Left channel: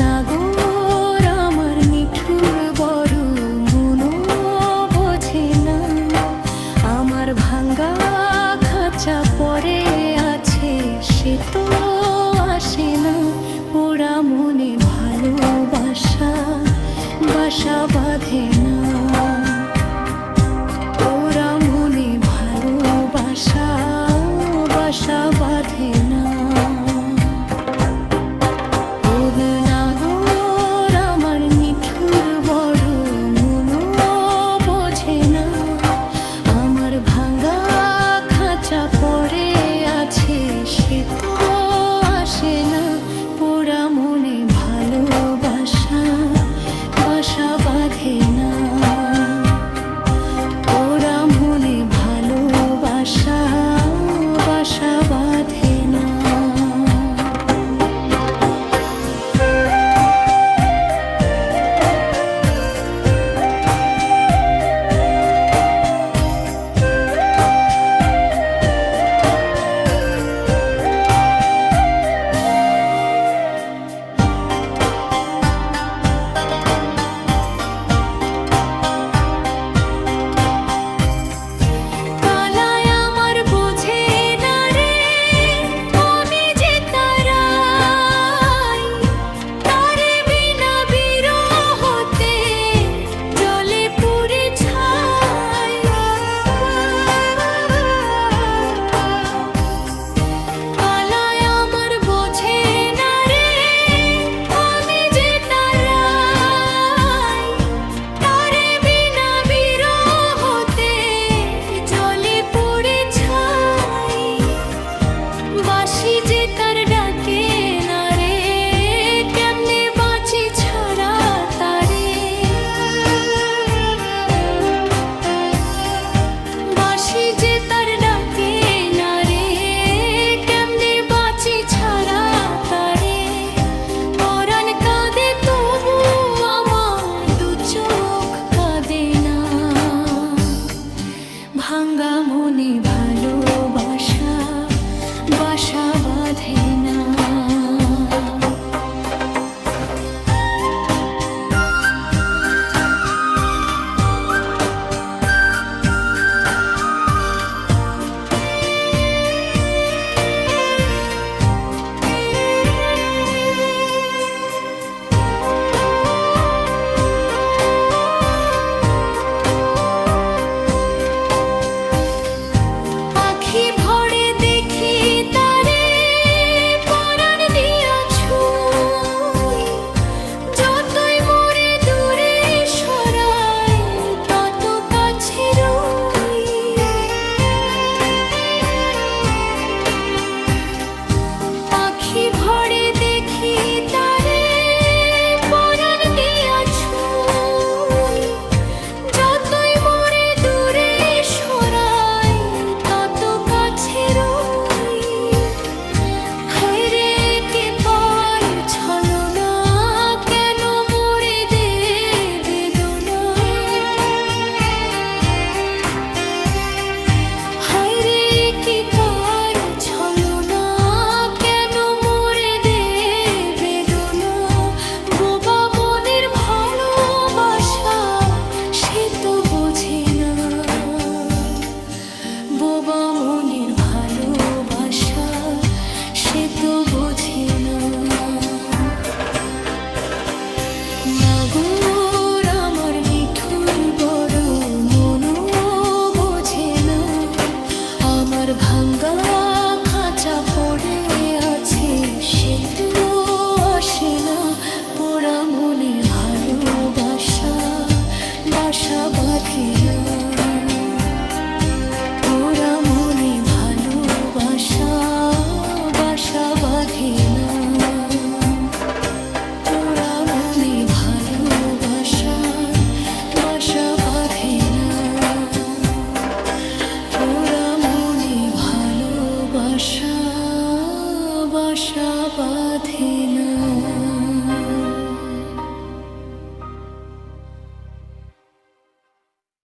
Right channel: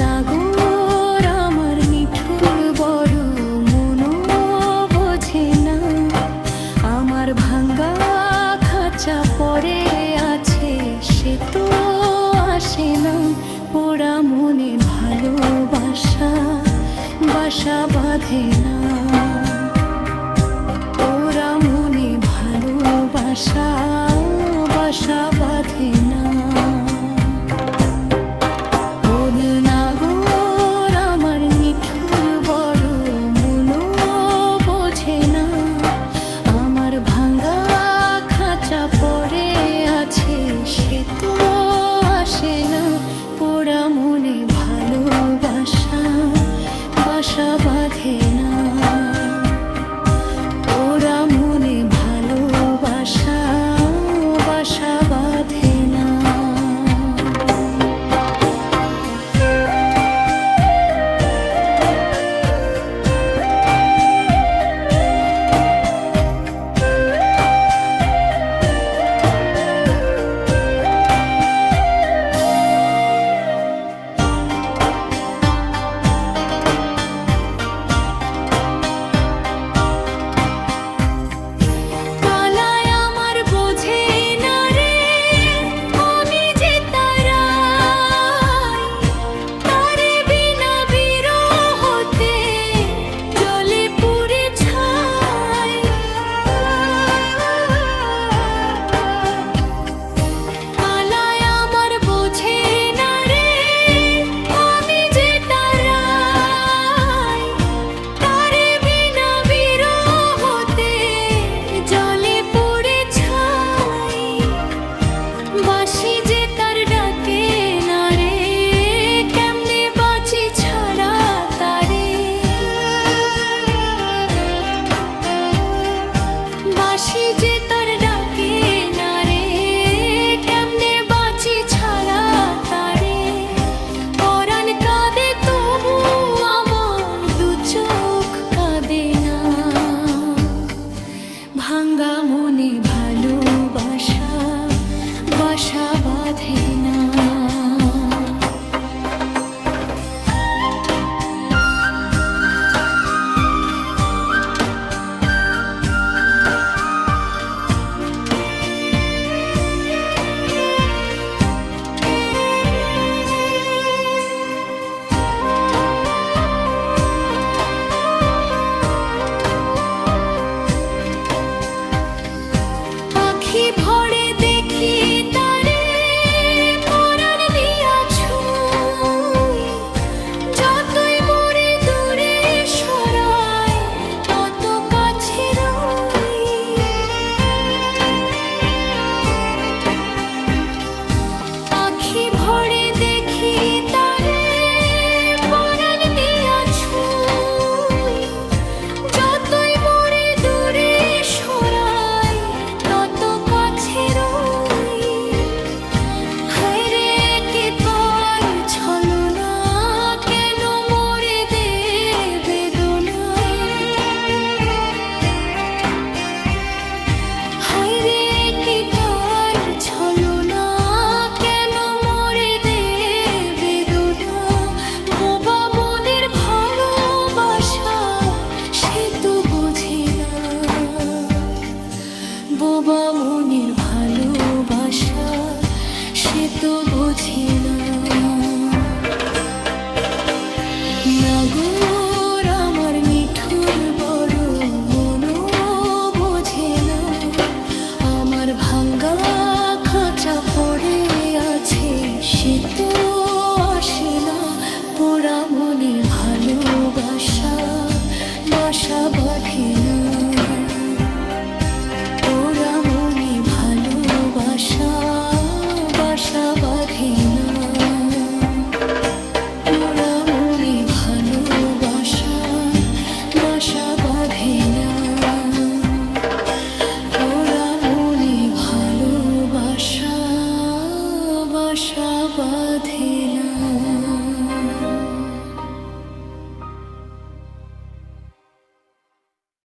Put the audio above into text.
নাগর আমার নিঠুর বড় মনো বোঝে না। আমার ভাঙ্গা খাঁচা পড়ে আছে, সে তো আসে না। পোড়া মনে ভালোবাসা, বাসা বাঁধে না। সে তো আসে না পোড়া মনে ভালোবাসা বাসা বাঁধে না। ওরা মনে ভালোবাসা বাসা ভাঙ্গা মনে ভালোবাসা বাসা বাঁধে না। মনের ভালোবাসা, সে তো বোঝে না। নাগর আমার নিঠুর বড় মনো বোঝে না। আমার ভাঙ্গা খাঁচা পড়ে আছে, সে তো আসে না। পোড়া মনে ভালোবাসা, বাসা বাঁধে না। বাঁধে না ভালোবাসা বাসা না মনে ভালোবাসা বাসা বাঁধে না